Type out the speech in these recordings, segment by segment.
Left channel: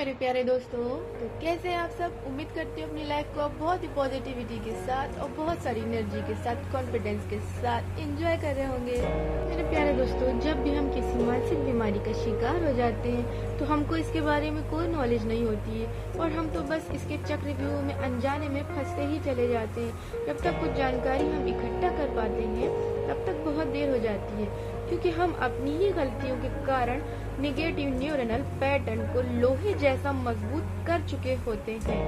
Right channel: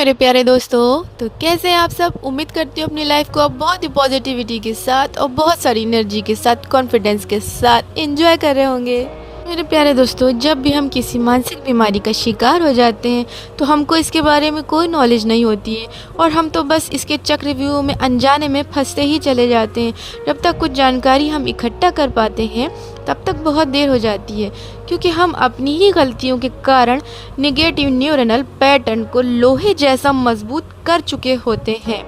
मेरे प्यारे दोस्तों, तो कैसे हैं आप सब। उम्मीद करती हूँ अपनी लाइफ को आप बहुत ही पॉजिटिविटी के साथ और बहुत सारी एनर्जी के साथ, कॉन्फिडेंस के साथ एंजॉय कर रहे होंगे। मेरे प्यारे दोस्तों, जब भी हम किसी मानसिक बीमारी का शिकार हो जाते हैं तो हमको इसके बारे में कोई नॉलेज नहीं होती है और हम तो बस इसके चक्रव्यूह में अनजाने में फंसते ही चले जाते हैं। जब तक कुछ जानकारी हम इकट्ठा कर पाते हैं तब तक बहुत देर हो जाती है, क्योंकि हम अपनी ही गलतियों के कारण निगेटिव न्यूरनल पैटर्न को लोहे जैसा मजबूत कर चुके होते हैं।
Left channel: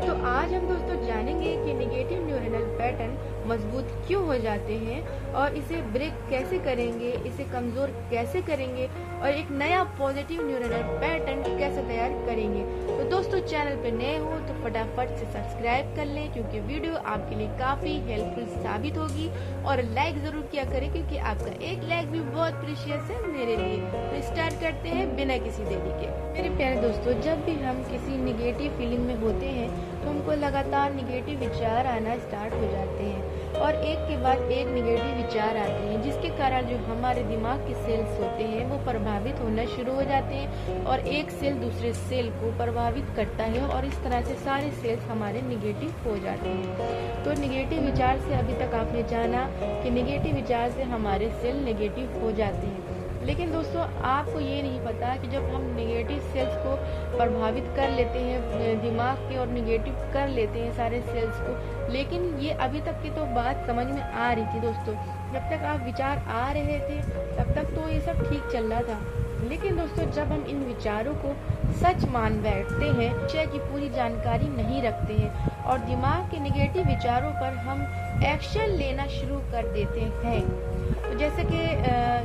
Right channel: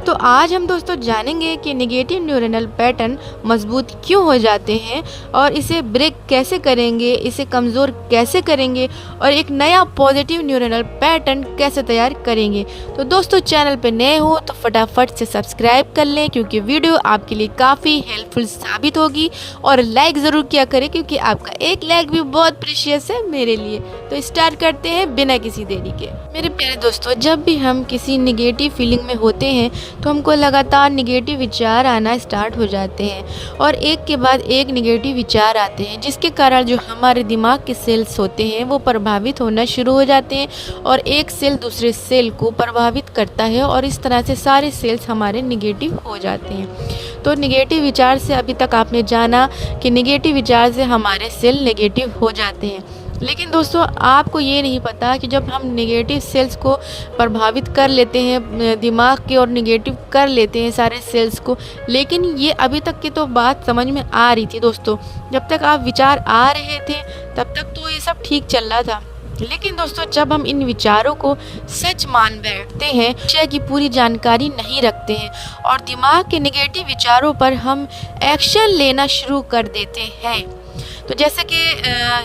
तो आज हम दोस्तों जानेंगे कि निगेटिव न्यूरनल पैटर्न मजबूत क्यों हो जाते हैं और इसे ब्रेक कैसे करेंगे, इसे कमज़ोर कैसे करेंगे और एक नया पॉजिटिव न्यूरनल पैटर्न कैसे तैयार करेंगे। तो दोस्तों, चैनल पे नए हो तो फटाफट से सब्सक्राइब कर लें, क्योंकि वीडियो आपके लिए काफ़ी हेल्पफुल साबित होगी। और लाइक ज़रूर किया करें, क्योंकि आपका एक लाइक भी बहुत प्रीशियस है मेरे लिए। तो स्टार्ट करते हैं बिना किसी देरी के। मेरे प्यारे दोस्तों, जब भी हम किसी निगेटिव फीलिंग में होते हैं तो हमको लगातार निगेटिव विचार आना स्टार्ट हो जाते हैं और एक के बाद एक निगेटिव विचार आते हैं, जिसके कारण जो हमारे दिमाग के सेल्स होते हैं वो प्रभावित होना शुरू हो जाते हैं और एक सेल दूसरे सेल को प्रभावित करता है और इस तरह से सारे सेल्स हमारे निगेटिव हो जाते हैं। तो निगेटिव विचार से अभी तक आपने जाना कि निगेटिव विचार से हमारे सेल नेगेटिव हो जाते हैं, लेकिन दोस्तों आपको ये नहीं पता कि जब हम नेगेटिव सेल्स को प्रभावित कर लेते हैं दिमाग के और नेगेटिव कर लेते हैं सारे सेल्स को, लेकिन ये अभी तक की तो बात समझ में आ रही थी दोस्तों। जब तक आप विचार आ रहे थे तब तक तो ये सब ठीक चल रहा था, लेकिन दोस्तों जब हम इन विचारों को सच मान बैठते हैं, विषय की पूरी जानकारी नहीं रखते हैं और दिमाग के नेगेटिव विचारों पर हम एक्शन लेना शुरू कर देते हैं। तो जैसे कि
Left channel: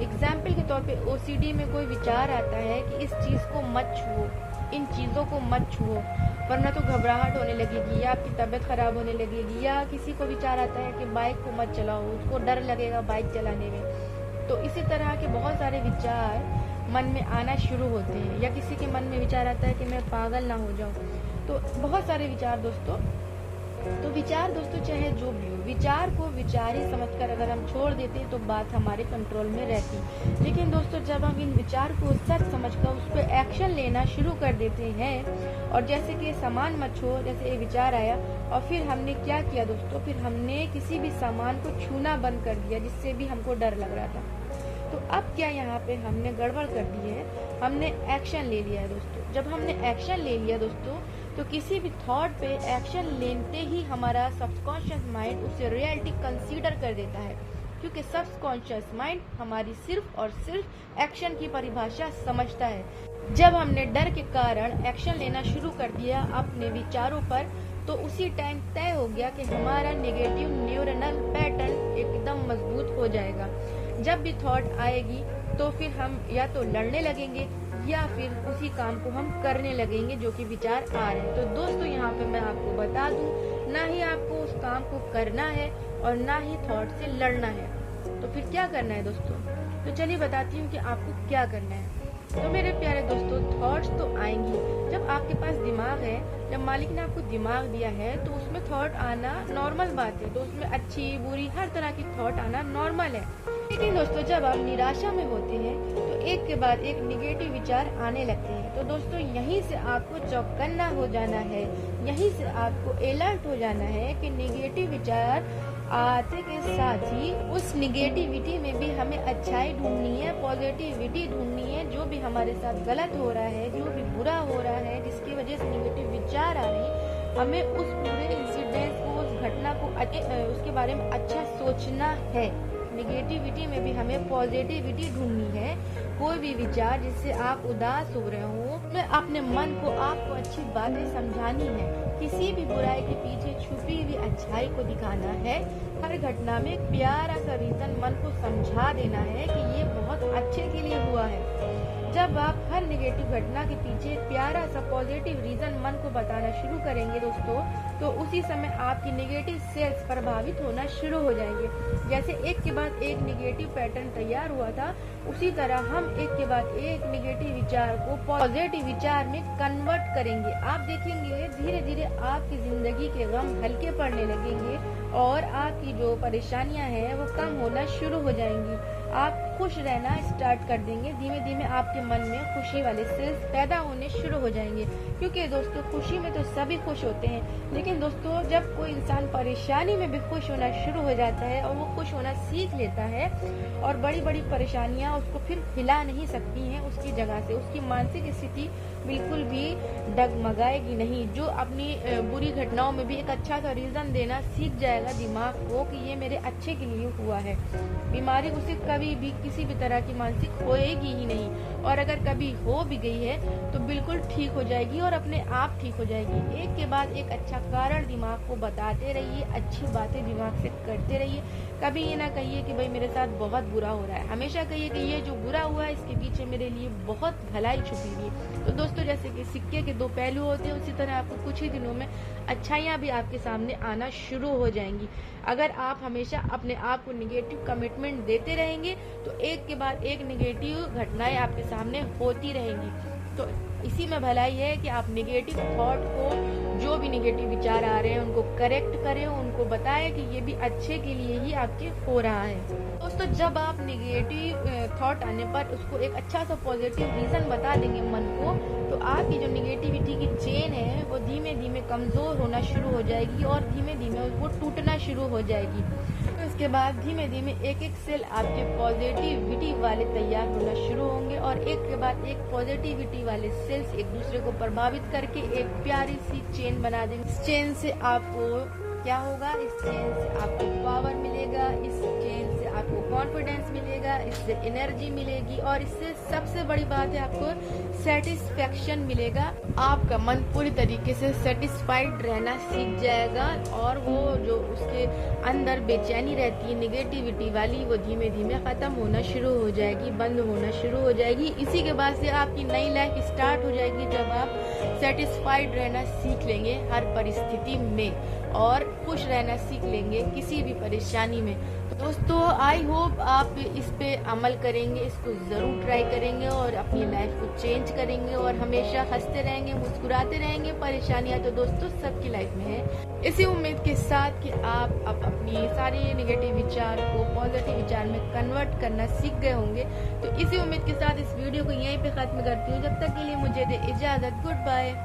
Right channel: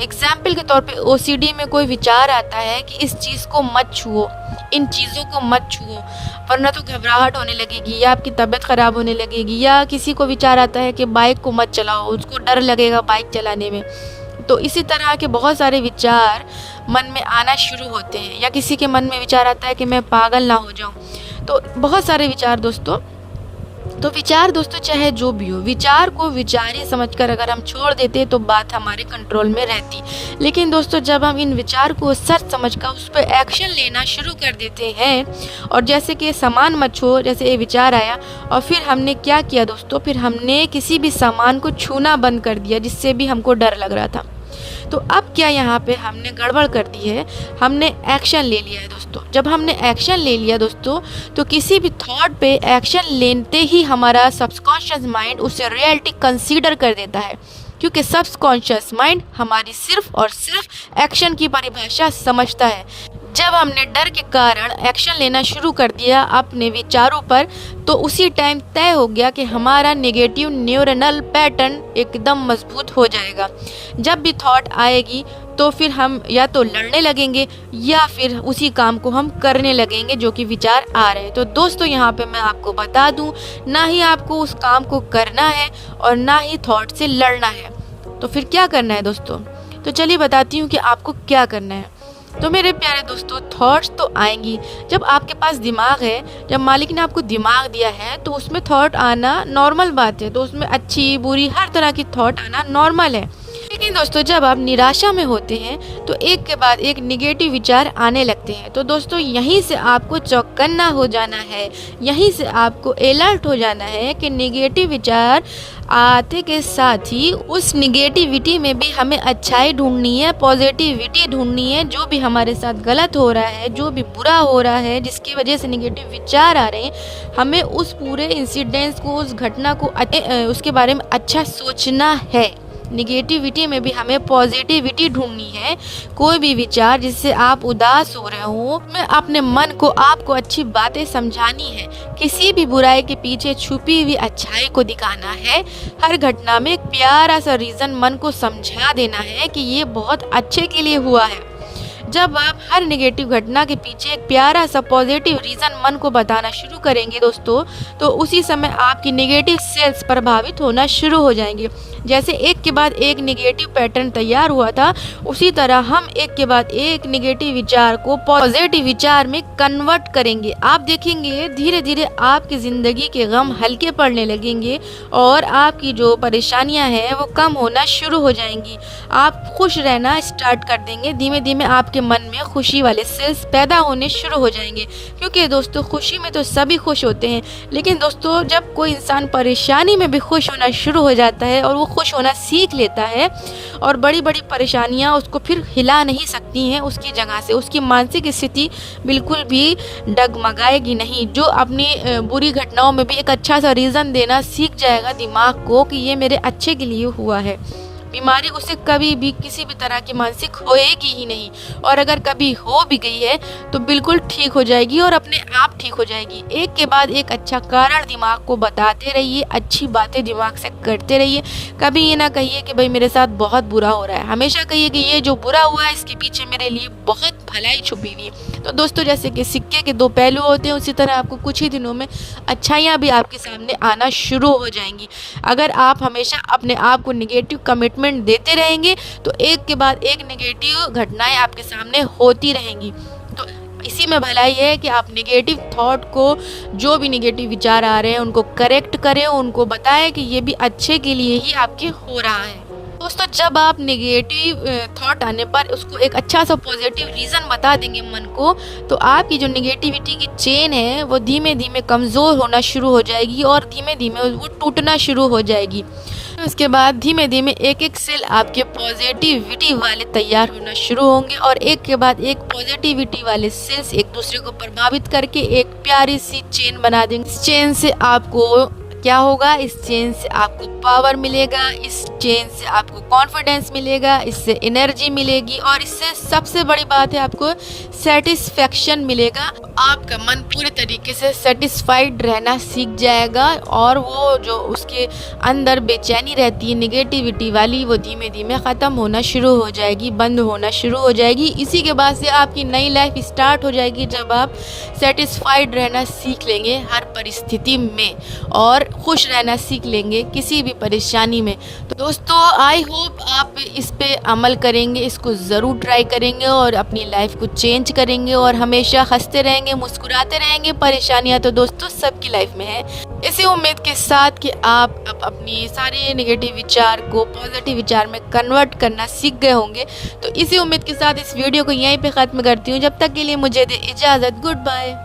एग्जाम्पल के तौर पे ओसीडी में कोई विचार आता है कि इस चीज़ को मत छुओ, इन चीज़ों को मत छुओ वरना तो घबराहट होने लगेगी या आपकी तबीयत ख़राब होने लगेगी, या किसी को विचार आता है कि बाइक को मत चलाओ, उसको डर लगेगा बाइक चलाने में। तो इसी तरह के बहुत सारे विचार मन में आना शुरू होते हैं, या किसी के मन में विचार आता है कि मैं पागल ना हो जाऊं। तो बहुत सारे विचार दोस्तों, तो विचार दोस्तों चाहे जो भी हो, विचार को विचार ही समझकर अगर हम छोड़ देते तो बात हमारे कंट्रोल में रहती। लेकिन दोस्तों जब हम इन विचार को सच समझकर उस पर एक्शन लेना शुरू कर देते हैं, और जैसे कि सामान मत छुओ, जैसे ये विचार आया और फिर हमने क्या किया दोस्तों, फिर हमने किसी भी सामान को छूना बंद कर दिया जिससे भी हमको डर लग रहा था। तो अब क्या यहाँ पे हमने गड़बड़ कर दी है, हमने एक्शन ले लिया है दोस्तों। जब हमने एक्शन ले लिया दोस्तों, तो किसी भी थॉट पे एक्शन लेते ही हमारा सबकॉन्शियस माइंड उसे रियलिटी कंसीडर कर देता है, क्योंकि सबकॉन्शियस माइंड हमारी सिर्फ और सिर्फ एक्शन की परिभाषा समझता है। जब हमने डर के कारण एक्शन लेना शुरू कर दिया अपने विचारों पर, तो उसी टाइम तय हो गया कि हमारा नेगेटिव न्यूरनल पैटर्न एकदम मजबूत हो जाएगा। जब भी थॉट आएगी तो फिर हम या तो लड़ने लगेंगे या फिर उसी काम को हम करने लगेंगे जो कि विचार आ रहे हैं। तो दोस्तों यहाँ पे मैं आपको बता दूं, ना ही आपको उस काम को करना है और ना ही थॉट से लड़ना है। तो फिर क्या करना है दोस्तों, तो चलिए बताती हूँ कि आपको क्या करना है। तो मेरे प्यारे दोस्तों, थॉट्स तो आएंगी। जब आपके पास दिमाग है, जब मालिक ने आपको दिमाग दिया है तो उसमें थॉट आना नॉर्मल बात है। तो उसमें अच्छी बुरी हर तरह की थॉट आना नॉर्मल है। लेकिन दोस्तों जब आप निराशा में होते हैं तो एक के बाद एक निगेटिव विचार आने लगते हैं। तो दोस्तों यहीं से आपको चौकन्ना हो जाना है, यहीं से आपको अलर्ट हो जाना है कि निगेटिव विचार आते के साथ ही उस निगेटिविटी में भी हमें अच्छाई ढूंढनी है, पॉजिटिविटी ढूंढनी है। जो भी हमारे साथ गलत हो रहा है, जो भी बुरा हो रहा है, जिसकी वजह से निगेटिव विचार आ रहे हैं, हमें उस पूरे इंसिडेंट्स को, उस घटना को उसके बारे में अच्छा सोचना है। निगेटिविटी में भी हमें पॉजिटिविटी ढूंढनी है। कोई भी विचार जिससे आप उदास हो रहे हो, में अपने मन को आपको अच्छी बातें समझानी है। किसी भी बुराई के पीछे छुपी हुई अच्छाई को दिखाना है। हर घटना में एक प्यारा सा रीज़न मन को समझा देना है कि ये बहुत अच्छे के लिए हुआ है। जब आप हर नेगेटिव घटना के पीछे एक प्यारा सा पॉजिटिव रीज़न मन को बताना शुरू करेंगे दोस्तों, तो उसी समय आपकी नेगेटिव सेल्स प्रभावित होना शुरू हो जाएंगे। जैसे एक के बाद एक नेगेटिव पैटर्न तैयार हुआ था, उसी तरह हम एक के बाद एक नेगेटिव विचार को पॉजिटिव विचार में कन्वर्ट करेंगे। आप देखेंगे धीरे धीरे आपकी ज़िंदगी के गम हल्के पड़ने लगेंगे और आपकी जो परेशानियां हैं वो कम होना शुरू हो जाएंगी। आप खुश रहना स्टार्ट कर देंगे। धीमे धीमे आपके मन में खुशी वाले सेल्स पैदा होने शुरू हो जाएंगे। क्योंकि दोस्तों खुशी में तो सभी खुश होते हैं, लेकिन दोस्तों जब कोई इंसान परेशानी में भी खुश होना शुरू हो जाता है और वो खुश होना सीख लेता है और बड़ी बड़ी परेशानियां उसको फिर हिला नहीं सकती हैं उसकी जगह से, उसकी मानसिक स्थिति बिल्कुल भी डगमगाएगी नहीं। जो अपनी बुरी घटनाओं में भी एक अच्छा सा रीज़न देना सीख जाएगा दिमाग को कि ये मेरे अच्छे के लिए हुआ है, बीमारी उसे कभी भी किसी भी तरह की मानसिक होएगी ही नहीं। और अगर कभी हो भी गई है तो बिल्कुल ठीक हो जाएगी और अपने आप ठीक हो जाएगी। एक के बाद एक अच्छा कारण दिमाग को बताते रहिए, अच्छी बातें दिमाग से करते रहिए। कभी ये ना कहिए कि भाई मेरे साथ बहुत बुरा हो रहा है, हमेशा कहिए कि ये जो बुरा हुआ है इसके पीछे मेरे लिए बहुत भलाई छुपी हुई है। तो दोस्तों जैसे कि सिक्के के दो पहलू होते हैं, उसी तरह आपको कुछ ही दिनों में अच्छाइयाँ भी आपके सामने आना शुरू हो जाएंगी। अगर आप हमेशा अपने आप को निगेटिव कमिटमेंट देते रहेंगे तो एक के बाद एक नेगेटिव घटनाएं आपके सामने होती रहेंगी। तो इसी में भलाई है कि आप नेगेटिव थॉट को, जो भी नेगेटिव विचार आ रहे हैं उनको करेक्ट करें, उनको बताएं कि ये भी अच्छे के लिए ही आपके हो रहा है। दोस्तों जब आप नेगेटिव थॉट आने पर उसको एक अच्छा सा पॉजिटिव रीज़न बता देंगे मन को, तो आपकी जो नेगेटिविटी की चेन है वो धीमे धीमे कमज़ोर होना शुरू हो जाएगी और धीमे धीमे वो टूटना शुरू हो जाएगी। उसके बाद धीमे धीमे एक एक सेल आपके पॉजिटिविटी वाले तैयार होना शुरू होंगे और एक के बाद एक पॉजिटिविटी वाले सेल्स एक दूसरे को प्रभावित करके एक प्यारी सी चेन बना देंगे। इस चेन से आपको क्या होगा, इस चेन से आपको पावर मिलेगा, इस चेन से आपको कॉन्फिडेंस मिलेगा, इससे एनर्जी मिलेगी और इससे सबसे बड़ी बात है आपको सेटिस्फेक्शन मिलेगा। आपका मन पूरी तरीके से सेटिस्फाइड रहना सीख जाएगा और वो जो उसके अंदर बेचैनी रहती है नेगेटिविटी वाली, वो धीमे धीमे ख़त्म होना शुरू हो जाएगी, बंद होना शुरू हो जाएगी। इसी के बाद से आपकी नई लाइफ स्टार्ट हो जाएगी जब आप सेटिस्फाइड रहना सीख लेंगे हर परिस्थिति में और खुश रहना सीख लेंगे किसी भी परेशानी में। तो दोस्तों आई होप आप इस पे अमल करेंगे, इसको ज़रूर ट्राई करेंगे और अपनी लाइफ को चेंज करेंगे और हमेशा हंसते रहेंगे, मुस्कुराते रहेंगे। परेशानियां तो दोस्तों सबकी लाइफ में है। इसी उम्मीद के साथ कि आप अब अपनी सारे नेगेटिव विचार को पॉजिटिव विचार में कन्वर्ट करना सीख गए होंगे। तो इसी उम्मीद के साथ इस वीडियो को यहीं पे ख़त्म करती हूँ। जब तक के लिए मुझे दे इजाज़त, गुड बाय।